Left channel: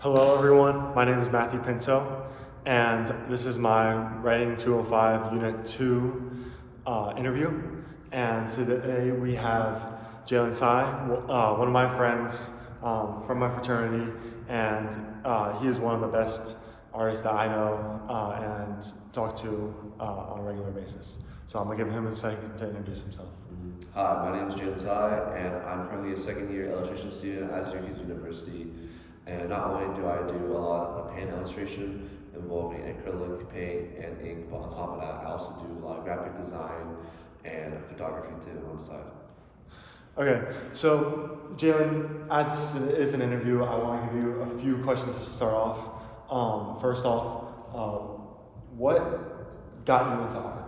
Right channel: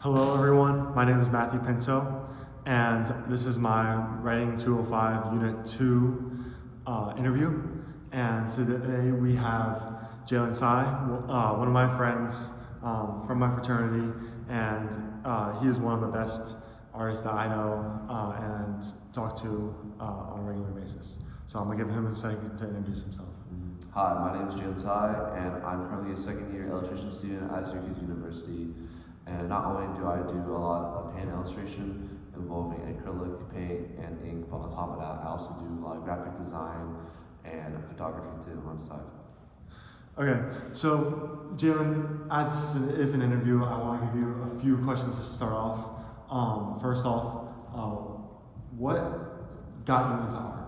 Hello everyone, my name is Matthew Pinto, and this is my Writing 205 Unit 2 interview. And today we have Jalen Tsai, one of my friends from my fraternity, and he is one of the best artists that I know and talk to on a regular basis. So I'm gonna give him a second to introduce himself. Hi, my name is Jalen Tsai, and I'm currently a second-year illustration student at Syracuse University. And not only do I do a lot of hand illustration involving acrylic, paint, and ink, but on top of that, I also do a lot of graphic design and photography too on the side. Okay, so Jalen, as this is an interview, I want to give you a few questions to start off. First off, what got you into art?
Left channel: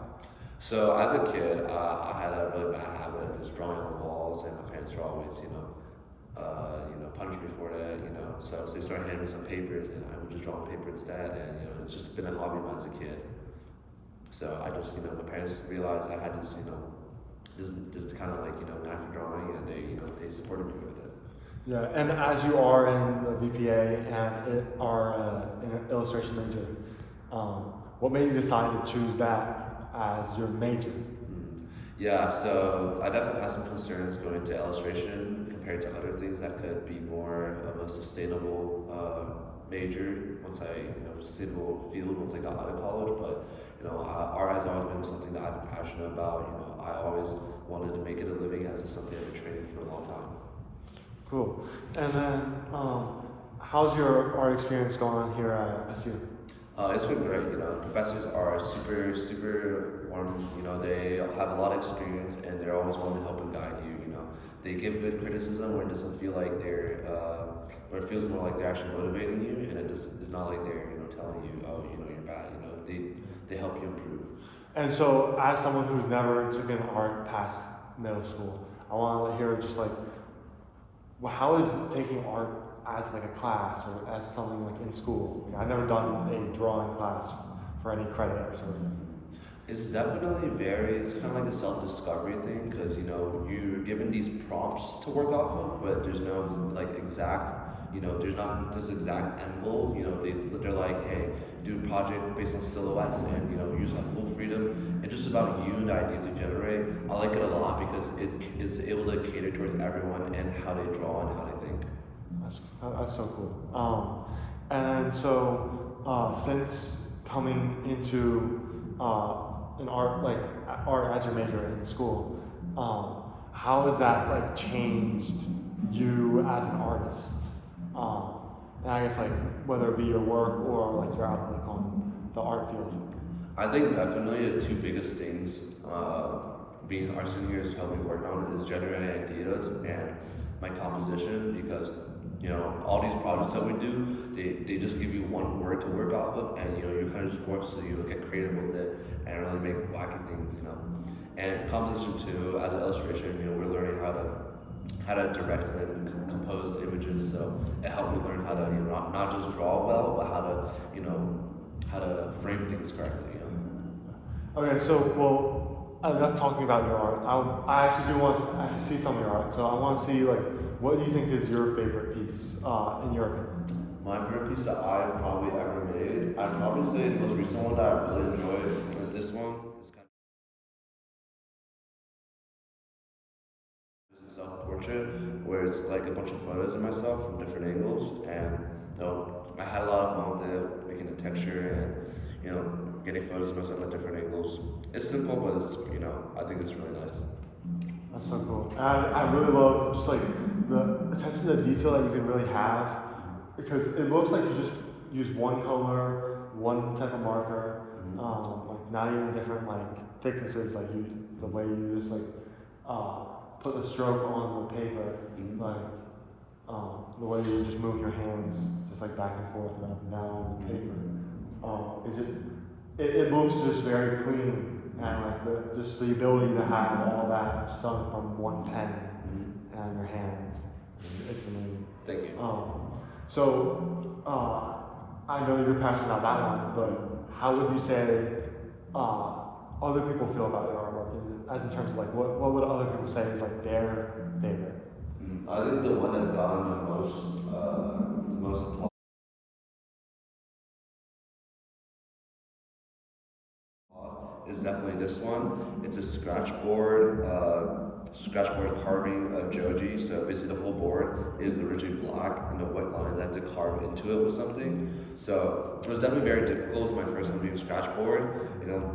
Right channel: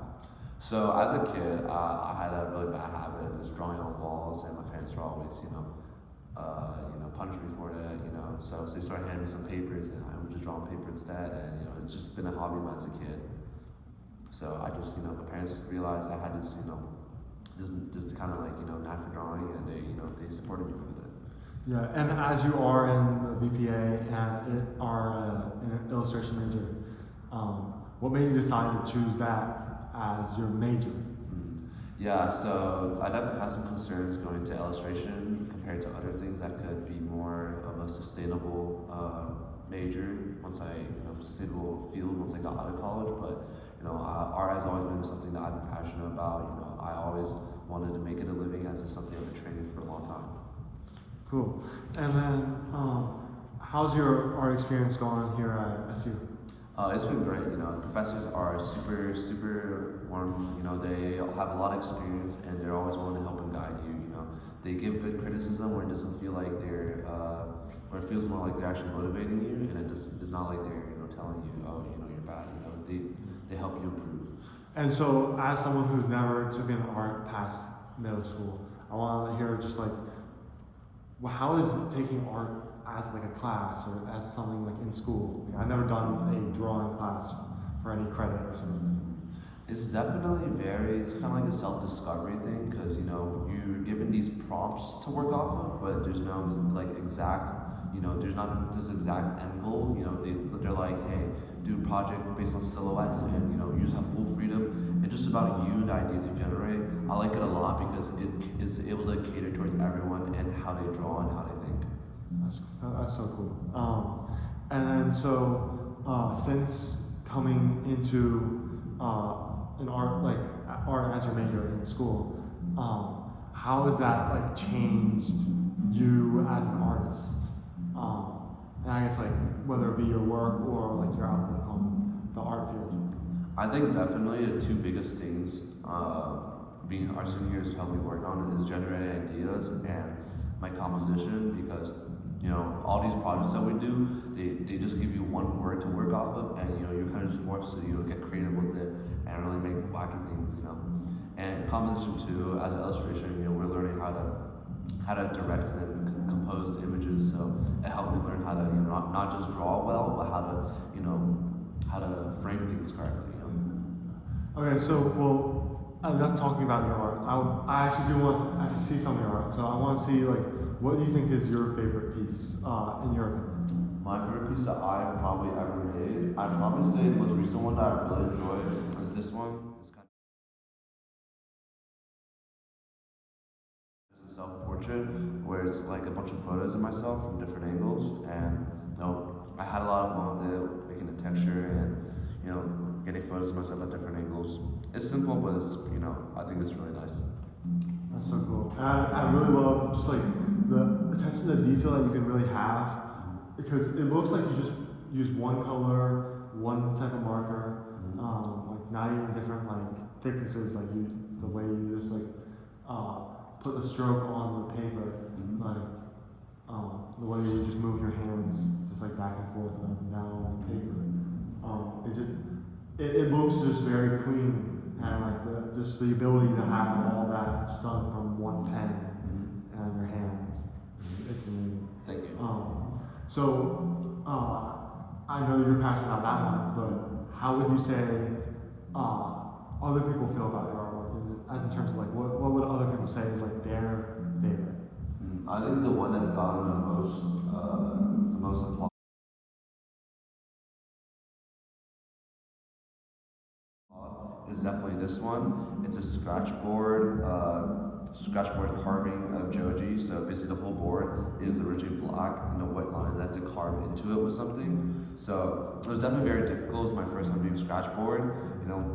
So as a kid, I had a really bad habit of just drawing on walls, and my parents were always, punish me for that, So they started handing me some papers, and I would just draw on paper instead, and it's just been a hobby of mine as a kid. So I just, my parents realized I had this, just kind of like, knack for drawing, and they supported me with it. Yeah, and as you are in the VPA and are an illustration major, what made you decide to choose that as your major? Yeah, so I definitely had some concerns going into illustration compared to other things that could be more of a sustainable major once I, sustainable field once I got out of college. But art has always been something that I've been passionate about. I always wanted to make it a living as it's something I've been training for a long time. Cool. And then, how's your art experience going here at SU? It's been great. Professors are super, super warm. They have a lot of experience, and they're always willing to help and guide you. They give good criticism where it doesn't feel like where it feels more like they're actually motivating you, and it just is not like they're, telling you, oh, you're bad. They help you improve. And so, as someone who's never taken art past middle school, I want to hear just like, well, how is taking art as like a class or as something like in school? I've never done a drawing class for any credit or something. It's definitely it's kind of like a self-discovery thing because you're given these prompts to work off of, but there's no like exact, there's not this exact end goal. They're like, hey, do a project based on silhouettes, and you just have full freedom. It's just about you and the ideas you generate. I like it a lot because it is able to cater towards everyone and how they draw and how they think. That's so cool. And so since coming into an art as your major in school, how has that like changed you as an artist? And I guess like whether it be your work or like your outlook on the art field. I think definitely the two biggest things being our student here has helped me work on is generating ideas and my composition because all these projects that we do, they just give you one word to work off of, and you kind of just forced to get creative with it and really make wacky things. And composition too, as an illustration, we're learning how to direct and compose images. So it helped me learn how to not just draw well, but how to frame things correctly. Okay, so well, enough talking about your art. I actually do want to actually see some of your art. So I want to see like what do you think is your favorite piece in your opinion? My favorite piece that I've probably ever made, I'd probably say the most recent one that I really enjoyed was this one. It's a self-portrait where it's like a bunch of photos of myself from different angles, and I had a lot of fun with it, making the texture and getting photos of myself at different angles. It's simple, but it's I think it's really nice. That's so cool. I really love just like the attention to detail that you can really have because it looks like you just use one color, one type of marker, like not even different like thicknesses, like the way you just like put the stroke on the paper, like the way you just move your hands just like back and forth and up and down the paper. It looks just very clean. And like just the ability to have all that just done from one pen and your hands, it's amazing. Thank you. I know you're passionate about that one, but how would you say other people feel about your artwork, as in terms of like what would other people say is like their favorite? I think the one that's gotten the most applause is definitely this one. It's a scratchboard carving of Joji. So basically, the whole board is originally black, and the white lines I had to carve into it with something. So it was definitely very difficult. It was my first time doing scratchboard, you know.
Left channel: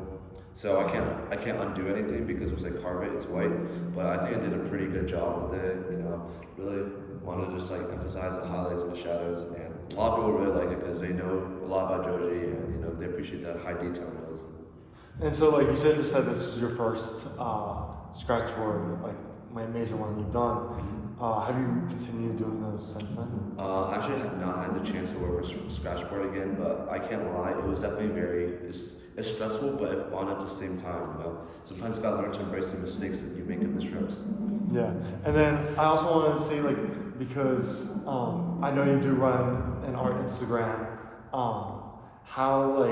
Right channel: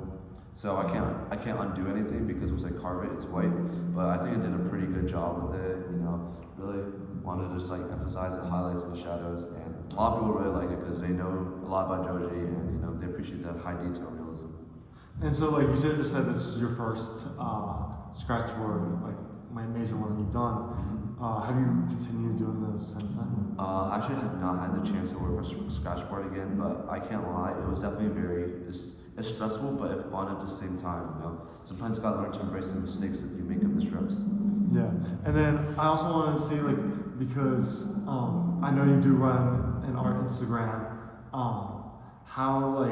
So I can't undo anything because once I carve it, it's white. But I think I did a pretty good job with it. You know, really wanted to just like emphasize the highlights and the shadows, and a lot of people really like it because they know a lot about Joji, and you know they appreciate that high detail realism. And so, like you said, this is your first scratchboard, like my major one that you've done. Have you continued doing those since then? Actually, I have not had the chance to work with scratchboard again, but I can't lie, it was definitely it's stressful, but it's fun at the same time. You know, sometimes you gotta learn to embrace the mistakes that you make in the strips. Yeah, and then I also wanted to say, like, because I know you do run an art Instagram. How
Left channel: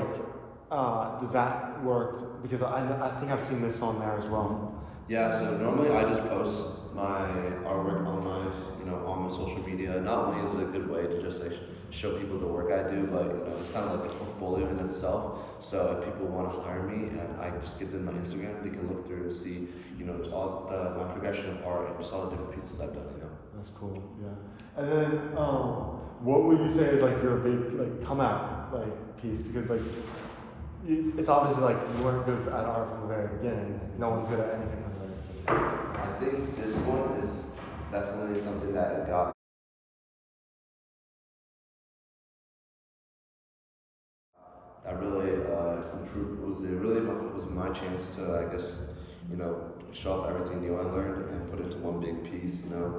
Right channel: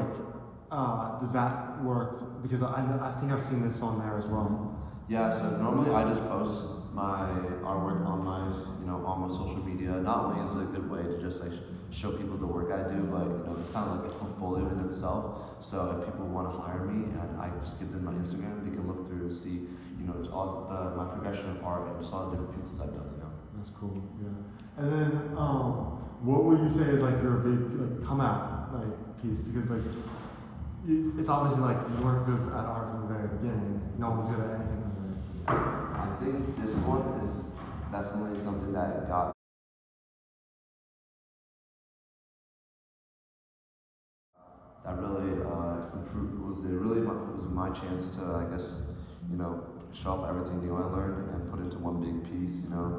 does that work? Because I think I've seen this on there as well. Yeah, so normally I just post my artwork on my social media. Not only is it a good way to just like show people the work I do, but you know, it's kind of like a portfolio in itself. So if people want to hire me and I just give them my Instagram, they can look through and see, you know, my progression of art and just all the different pieces I've done, you know. That's cool. Yeah. And then, what would you say is like your big like come out like piece? Because like it's obviously like you weren't good at art from the very beginning. No one's good at anything from the very beginning. I think this one is definitely something that got that really improved. Was my chance to, I guess, you know, show off everything new I learned and put it into one big piece. You know,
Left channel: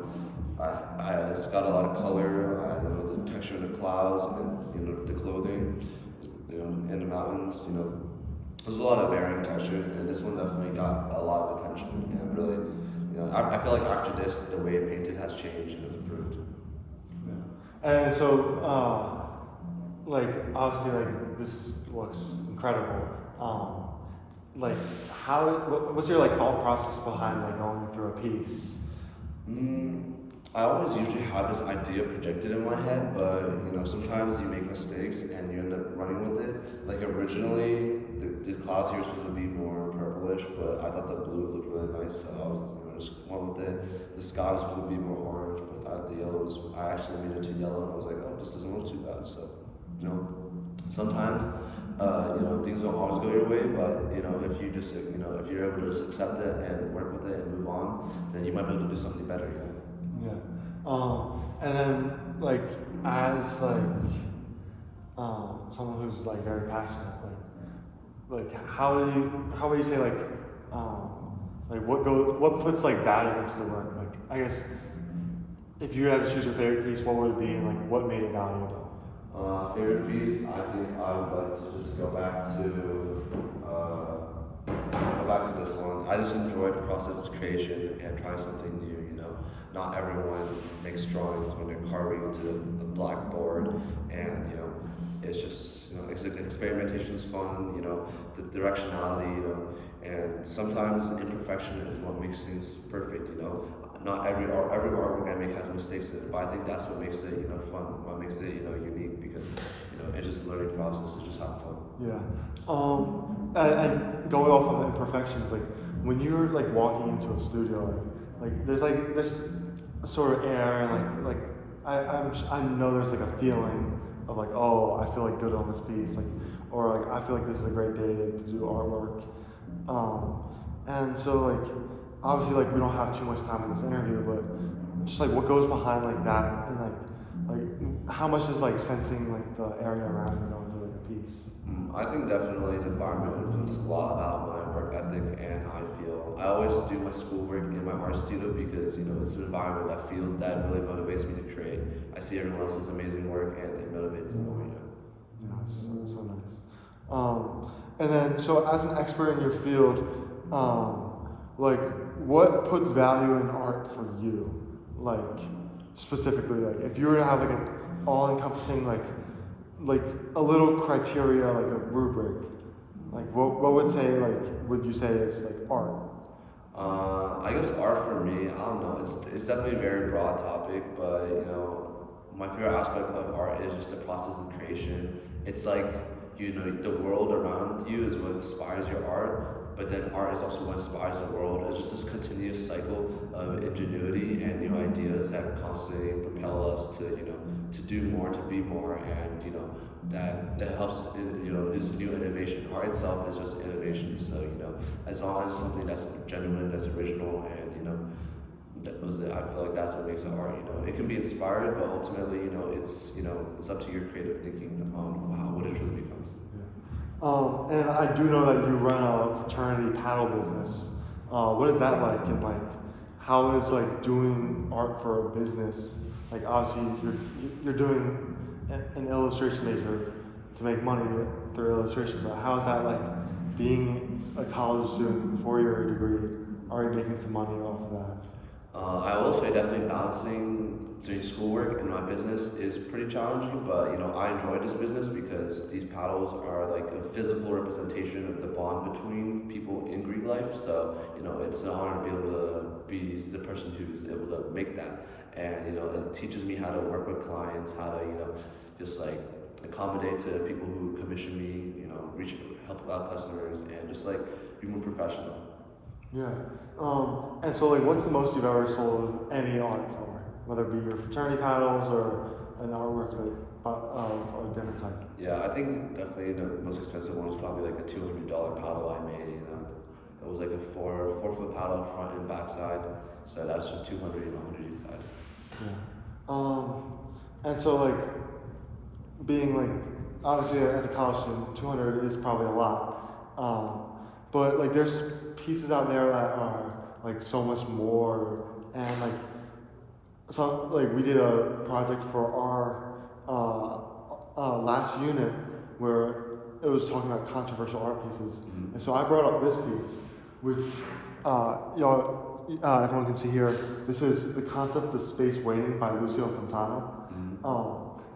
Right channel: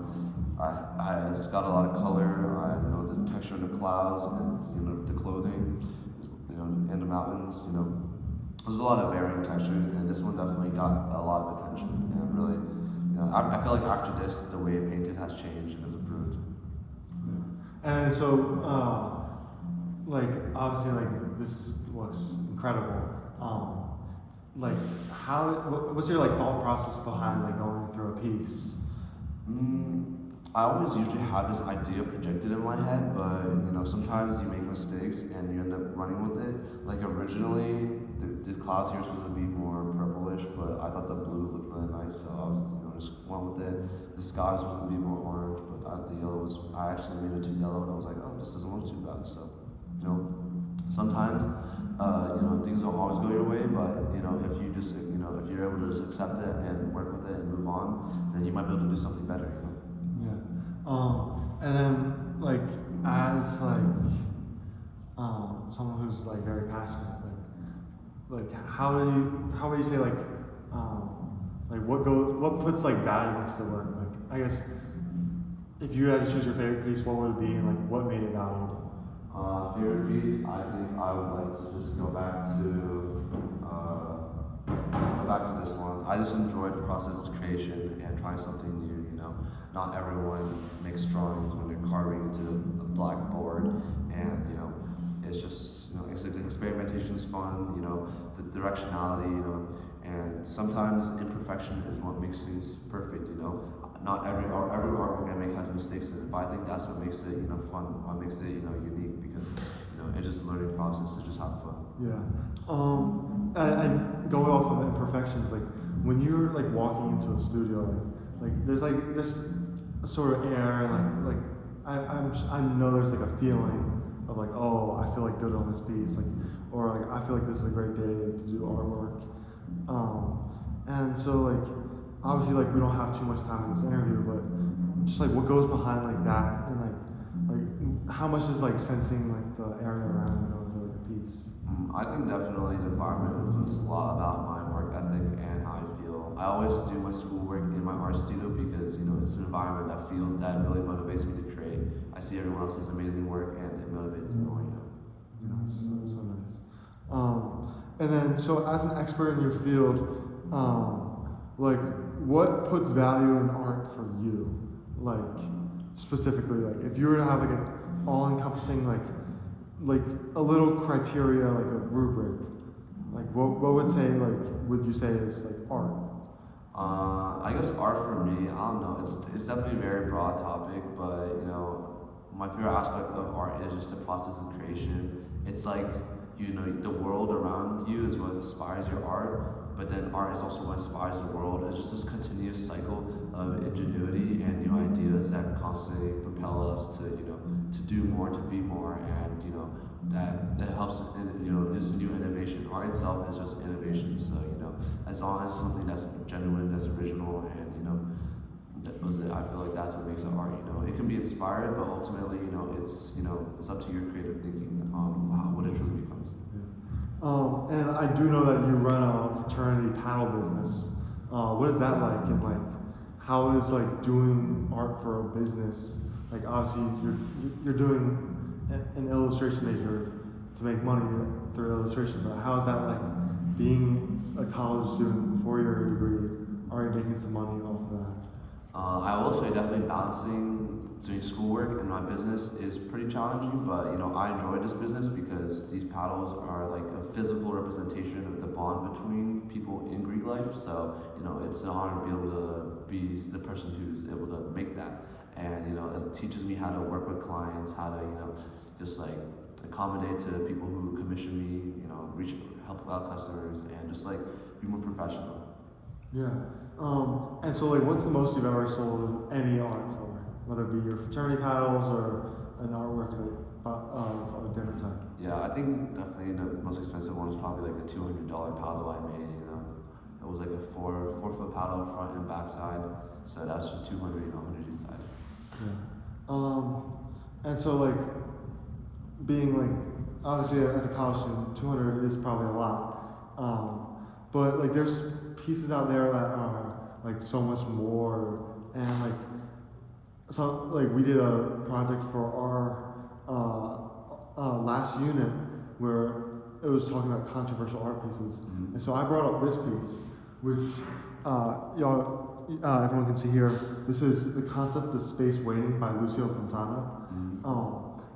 it's got a lot of color. You know, the texture in the clouds and you know the clothing, you know, and the mountains. You know, there's a lot of varying textures, and this one definitely got a lot of attention and really. You know, I feel like after this, the way it painted has changed and has improved. Yeah. And so, like obviously, like this looks incredible. Like what's your like thought process behind like going through a piece? I always usually have this idea projected in my head, but you know sometimes you make mistakes and you end up running with it. Like originally, the clouds here were supposed to be more purplish, but I thought the blue looked really nice, so I was just went with it. The sky was supposed to be more orange, but I actually made it to yellow, and I was like, oh, this doesn't look too bad. So you know, sometimes you know things don't always go your way, but you know if you just you know if you're able to just accept it and work with it and move on, then you might be able to do something better. You know. Yeah. And then like as someone who's like very passionate, how would you say what puts like value into the work? Like I guess if you had to choose your favorite piece, what would it be and like what made it valuable? Favorite piece, I think I would like to just go back to this one. I just enjoyed the process of creation and trying something new. You know, not everyone makes drawings when they're carving into a blackboard, and you know, it's just experimentation is fun. You know, the directionality. You know, and sometimes imperfection is what makes things perfect. You know, not every artwork I make has mistakes in it, but I think that's what makes it fun. What makes it unique because it's just a learning process. It's just having fun. Yeah. And going off of imperfections, like when you're like walking into a studio, there's a sort of air, and I know there's like a feeling of like, oh, I feel like good on this piece, like, or like I feel like this is a great day to do artwork. And so like obviously like we don't have too much time in this interview, but just like what goes behind like that, and like how much is like sensing like the area around you going to like a piece? I think definitely the environment influences a lot about my work ethic and how I feel. I always do my schoolwork in my art studio because it's an environment that really motivates me to create. I see everyone else's amazing work and it motivates me more. Yeah, that's so nice. And then so as an expert in your field, like what puts value in art for you? Like specifically, like if you were to have like an all-encompassing like a little criteria, like a rubric, like what would you say is like art? I guess art for me, I don't know. It's definitely a very broad topic, but my favorite aspect of art is just the process of creation. It's like the world around you is what inspires your art, but then art is also what inspires the world. It's just this continuous cycle of ingenuity and new ideas that constantly propel us to, to do more, to be more, and that helps in, this new innovation. Art itself is just innovation. So as long as it's something that's genuine, that's original, and I feel like that's what makes it art. It can be inspired, but ultimately, it's up to your creative thinking on what it truly becomes. And I do know that you run a fraternity paddle business. What is that like? And like, how is like doing art for a business? Like, obviously, you're doing an illustration major to make money through illustration, but how is that like being a college student for your degree, already making some money off of that? I will say definitely balancing doing schoolwork and my business is pretty challenging, but I enjoy this business because these paddles are like a physical representation of the bond between people in Greek life. So it's an honor to be able to be the person who's able to make that, and it teaches me how to work with clients, how to just like accommodate to people who commission me, help out customers, and just like be more professional. Yeah. And so like, what's the most you've ever sold any art for? Whether it be your fraternity paddles or an artwork of a different type? Yeah, I think definitely the most expensive one was probably like a $200 paddle I made. It was like a 4-foot paddle front and back side. So that's just 200, on each side. Yeah. And so like, being like, obviously as a college student, 200 is probably a lot. But like, there's pieces out there that are like so much more, and like, so like we did a project for our last unit where it was talking about controversial art pieces, and so I brought up this piece, which everyone can see here. This is The Concept of Space Waiting by Lucio Fontana.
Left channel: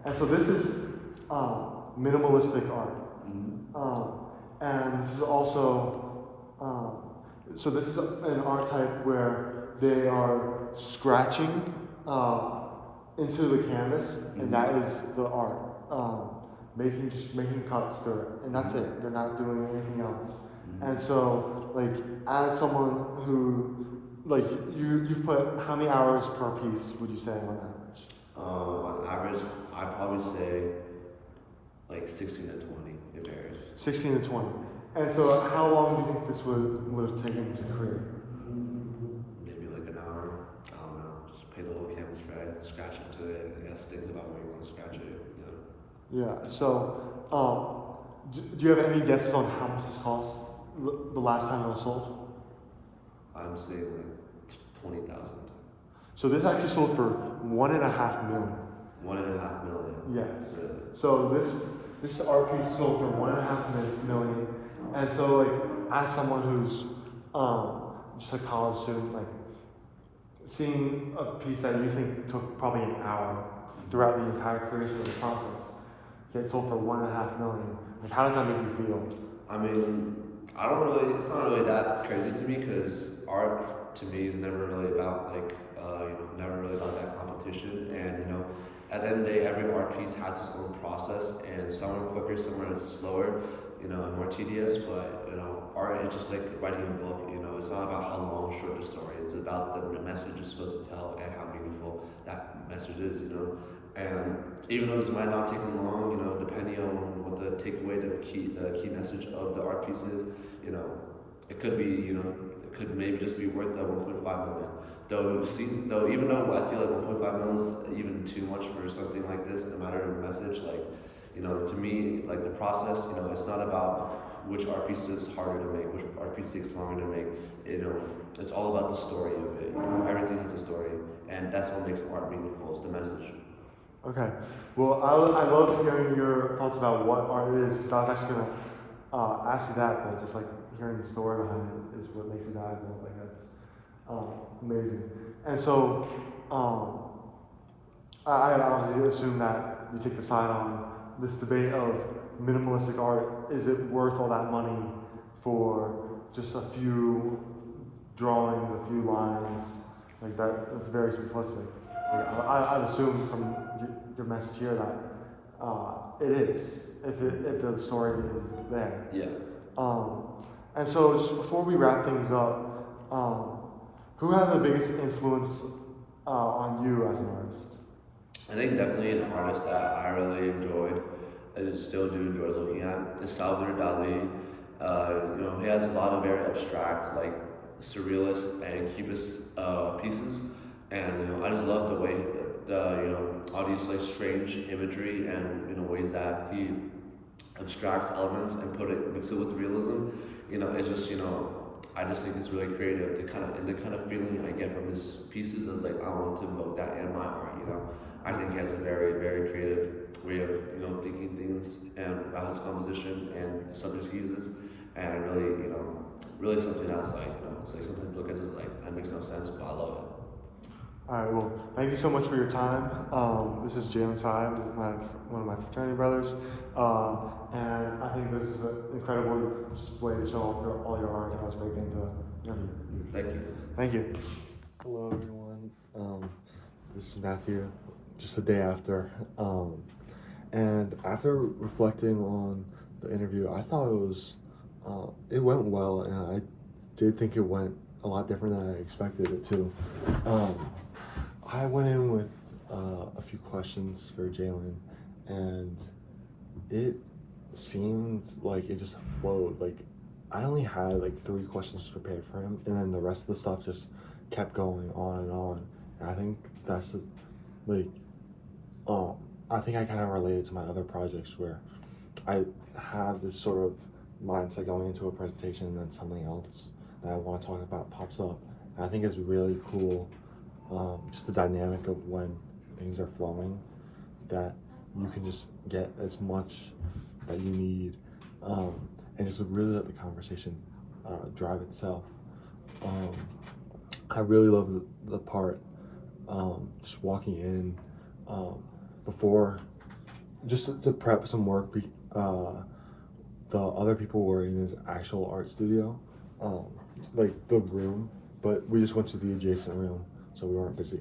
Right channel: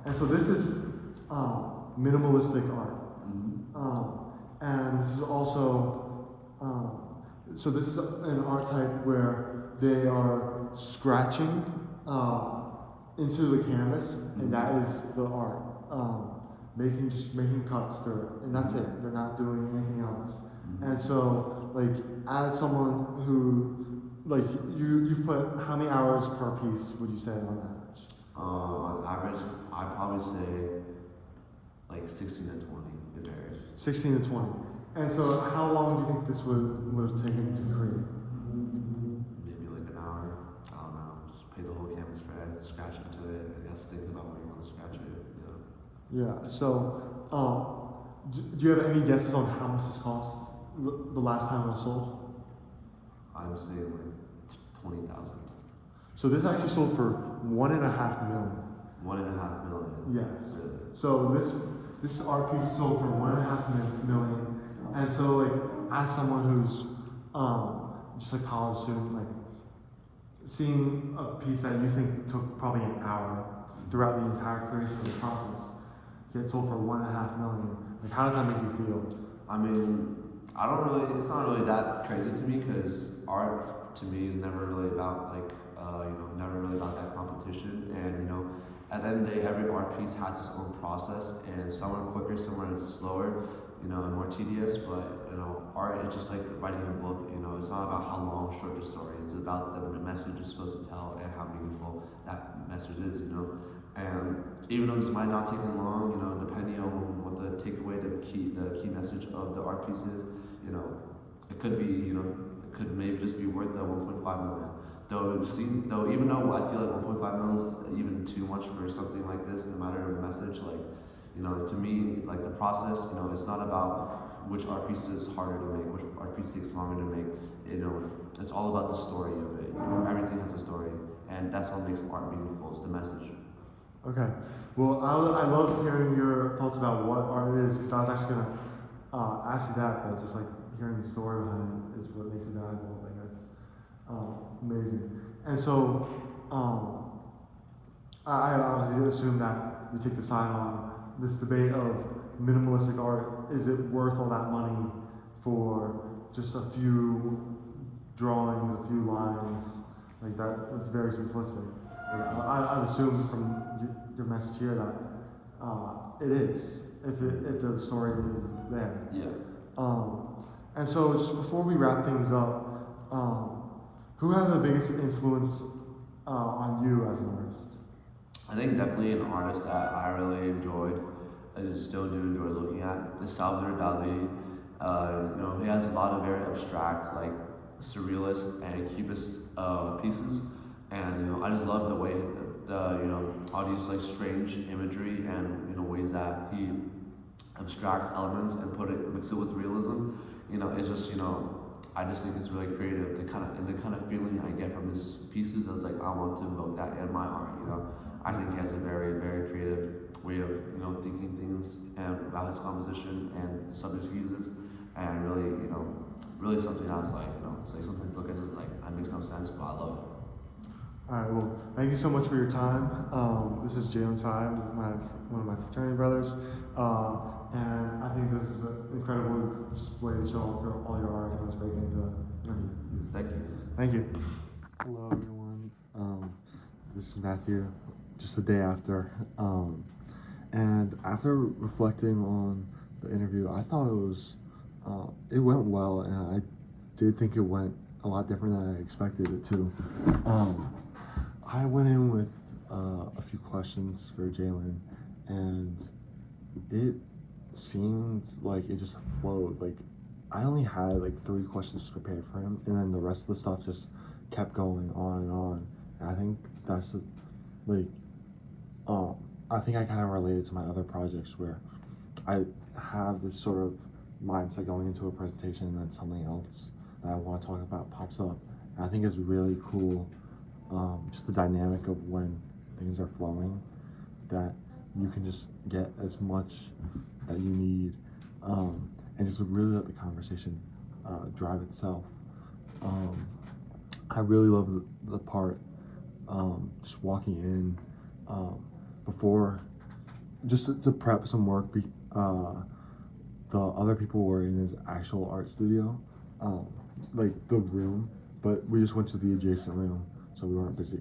And so this is minimalistic art. And this is also, so this is an art type where they are scratching into the canvas, and that is the art. Making cuts through it, and that's it. They're not doing anything else. And so, like, as someone who, like, you've put how many hours per piece would you say on average? On average, I'd probably say like 16 to 20. It varies. 16 to 20. And so, how long do you think this would have taken to create? Maybe like an hour. I don't know. Just pay the whole canvas for it, scratch into it. I guess thinking about where you want to scratch it. Yeah. So, do you have any guesses on how much this cost the last time it was sold? I'm saying like 20,000. So this actually sold for $1.5 million. $1.5 million. Yes. Really? So this art piece sold for $1.5 million, and so like, as someone who's just a college student, like, seeing a piece that you think took probably an hour throughout the entire creation of the process get sold for $1.5 million, like, how does that make you feel? I mean, it's not really that crazy to me, because art to me is never really about like, never really about that competition. And at the end of the day, every art piece has its own process, and some are quicker, some are slower, and more tedious. But art is just like writing a book. It's not about how long, short the story. It's about the message it's supposed to tell and how meaningful that message is. And even though this might not take long, depending on what the takeaway, the key message of the art piece is, it could be, it could maybe just be worth that 1.5 million. Though even though I feel like 1.5 million is even too much for something like this, no matter the message, like, to me, like, the process, it's not about which art piece is harder to make, which art piece takes longer to make. It's all about the story of it. Everything has a story, and that's what makes art meaningful. It's the message. Okay. Well, I love hearing your thoughts about what art is, because I was actually gonna ask you that, but just like hearing the story behind it is what makes it valuable. Like, that's amazing. And so, I obviously assume that you take the side on this debate of minimalistic art. Is it worth all that money for just a few drawings, a few lines? Like, that's very simplistic. I'd assume from your message here that it is, if the story is there. Yeah. And so, just before we wrap things up, who had the biggest influence on you as an artist? I think definitely an artist that I really enjoyed, and still do enjoy looking at, is Salvador Dali. He has a lot of very abstract, like surrealist and cubist pieces, and I just love the way all these like strange imagery and ways that he abstracts elements and mix it with realism. It's just I just think it's really creative. The kind of feeling I get from his pieces is like I want to evoke that in my art. I think he has a very very creative way of thinking things and about his composition and the subjects he uses, and really really something that's like it's like something to look at is like it makes no sense, but I love it. All right, well, thank you so much for your time. This is Jalen Tsai, one of my fraternity brothers, and I think this is an incredible way to show off all your art. That was great getting to interview. Thank you. Thank you. Hello, everyone. This is Matthew, just the day after. And after reflecting on the interview, I thought it went well, and I did think it went a lot different than I expected it to. I went in with a few questions for Jalen, and it seemed like it just flowed. Like I only had like 3 questions prepared for him, and then the rest of the stuff just kept going on and on. And I think that's like, I think I kind of related to my other projects where I have this sort of mindset going into a presentation, and then something else that I want to talk about pops up. And I think it's really cool, just the dynamic of when things are flowing, that you can just get as much that you need, and just really let the conversation drive itself. I really love the part, just walking in before, just to prep some work. The other people were in his actual art studio, like the room, but we just went to the adjacent room, so we weren't busy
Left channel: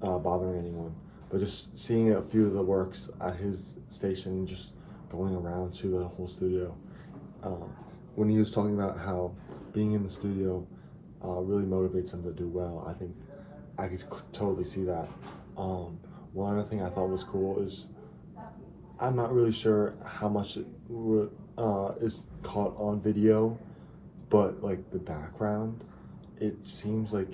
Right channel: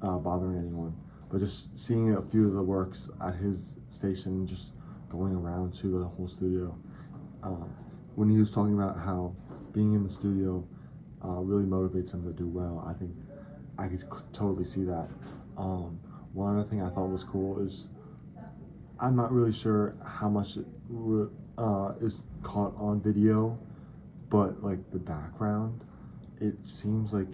bothering anyone. But just seeing a few of the works at his station, just going around to the whole studio. When he was talking about how being in the studio really motivates him to do well, I think I could totally see that. One other thing I thought was cool is I'm not really sure how much is caught on video, but like the background, it seems like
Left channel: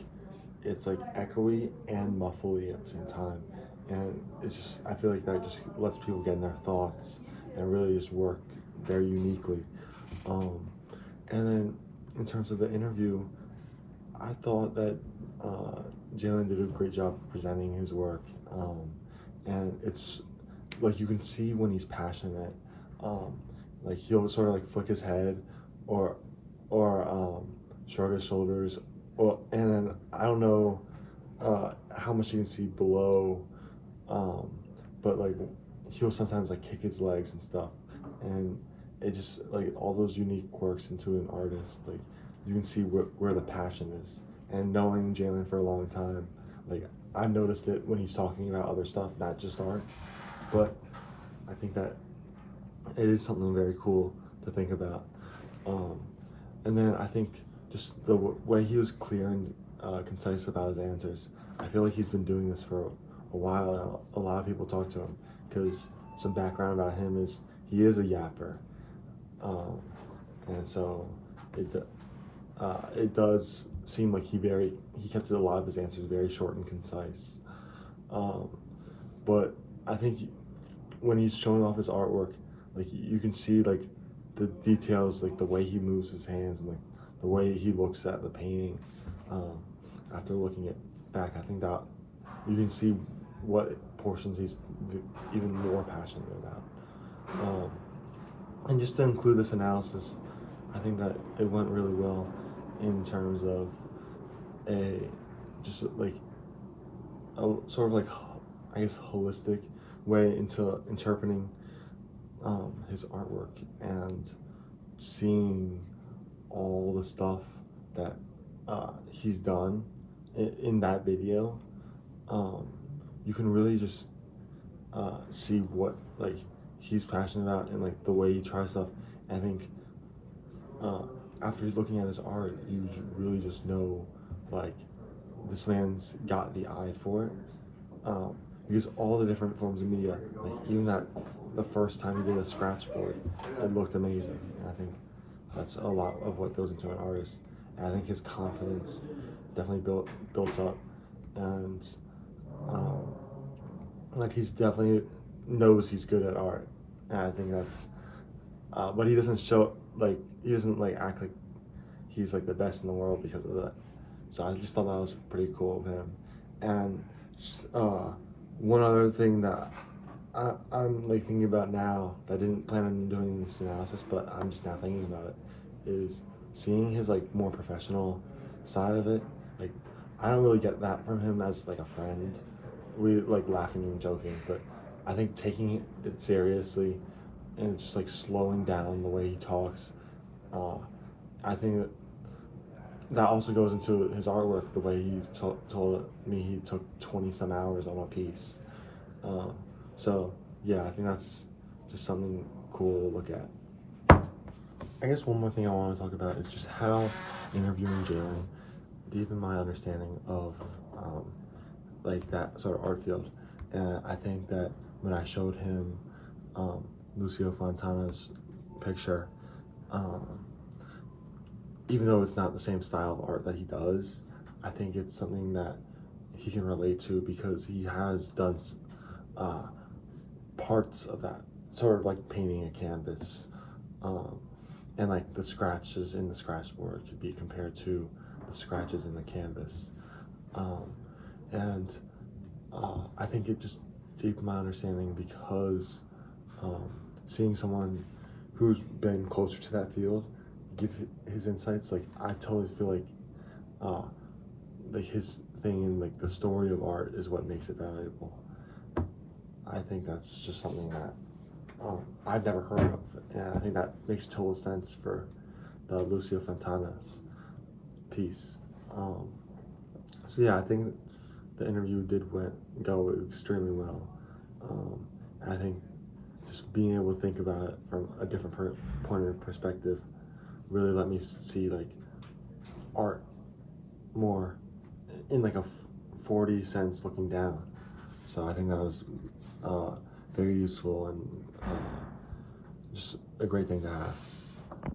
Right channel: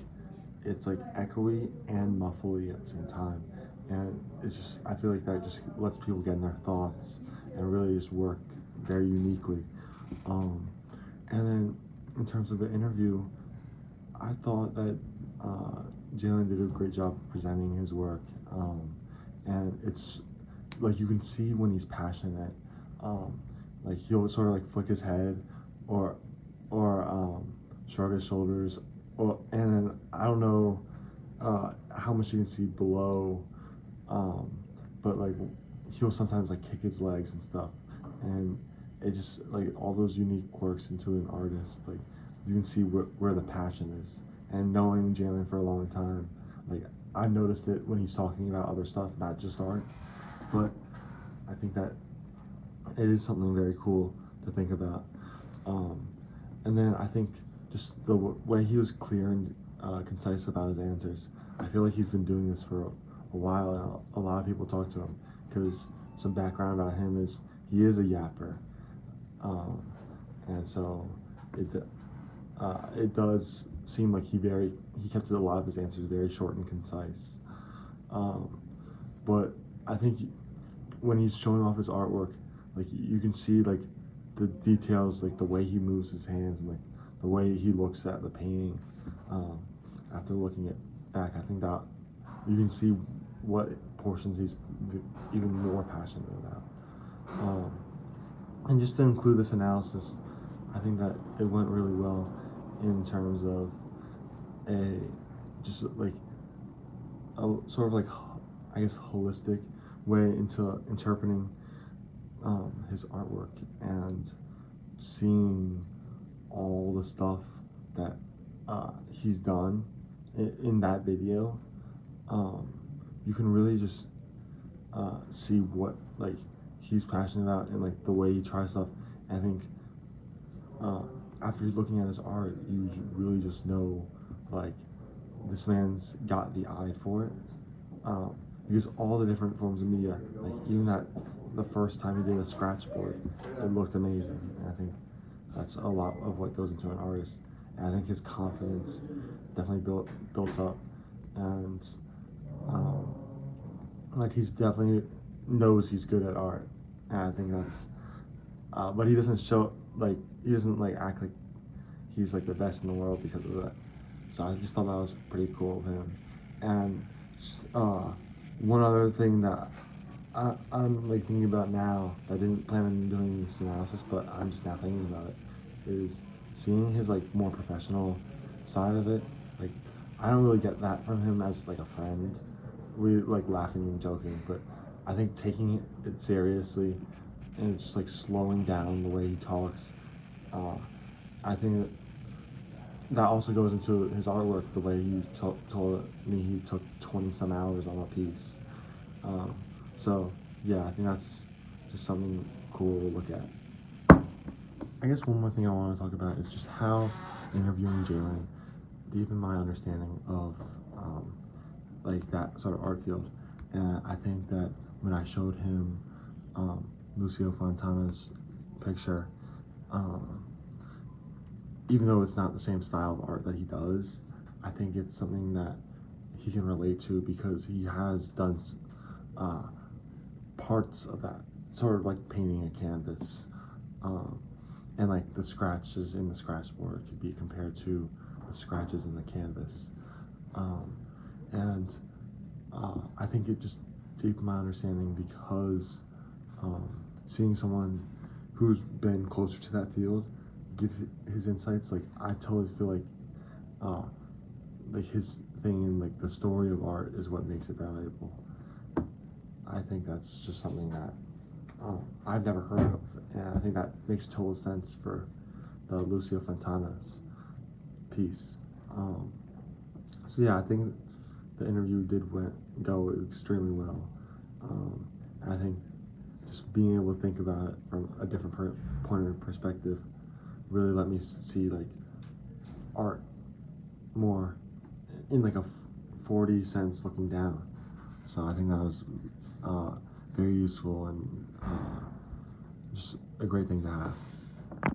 it's like echoey and muffly at the same time, and it's just, I feel like that just lets people get in their thoughts and really just work very uniquely. And then in terms of the interview, I thought that Jalen did a great job presenting his work, and it's like you can see when he's passionate. Like he'll sort of like flick his head or shrug his shoulders, and then I don't know how much you can see below, but like he'll sometimes like kick his legs and stuff, and it just like all those unique quirks into an artist. Like you can see where the passion is. And knowing Jalen for a long time, like I've noticed it when he's talking about other stuff, not just art. But I think that it is something very cool to think about. And then I think just the way he was clear and concise about his answers. I feel like he's been doing this for a while, and a lot of people talk to him, because some background about him is he is a yapper, and so it does seem like he kept a lot of his answers very short and concise. But I think when he's showing off his artwork, like you can see like the details, like the way he moves his hands and like the way he looks at the painting. After looking it back, I think that you can see what portions he's even more passionate about. And just to include this analysis, I think that it went really well in terms of just like a sort of like, I guess, holistic way into interpreting his artwork and seeing all the stuff that he's done in that video. You can really just see what like he's passionate about and like the way he tries stuff. I think after looking at his art, you really just know, like, this man's got the eye for it. Because all the different forms of media, like even that the first time he did a scratch board, it looked amazing. And I think that's a lot of what goes into an artist. And I think his confidence definitely builds up, and um, like he's definitely knows he's good at art, and I think that's. But he doesn't show like he doesn't like act like he's like the best in the world because of that. So I just thought that was pretty cool of him. And one other thing that I'm like thinking about now that I didn't plan on doing this analysis, but I'm just now thinking about it, is seeing his like more professional side of it. Like I don't really get that from him as like a friend. We like laughing and joking, but I think taking it seriously and just like slowing down the way he talks, I think that also goes into his artwork. The way he told me he took 20 some hours on a piece. So yeah, I think that's just something cool to look at. I guess one more thing I want to talk about is just how interviewing Jalen deepened my understanding of like that sort of art field. And I think that when I showed him Lucio Fontana's picture, even though it's not the same style of art that he does, I think it's something that he can relate to because he has done parts of that, sort of like painting a canvas, and like the scratches in the scratch board could be compared to the scratches in the canvas, and I think it just deepened my understanding because seeing someone who's been closer to that field give his insights, like I totally feel like his thing in like the story of art is what makes it valuable. I think that's just something that I've never heard of, and I think that makes total sense for the Lucio Fontana's piece. So yeah, I think the interview did go extremely well. I think just being able to think about it from a different point of perspective really let me see like art more in like a 40 cents looking down. So I think that was very useful and just a great thing to have.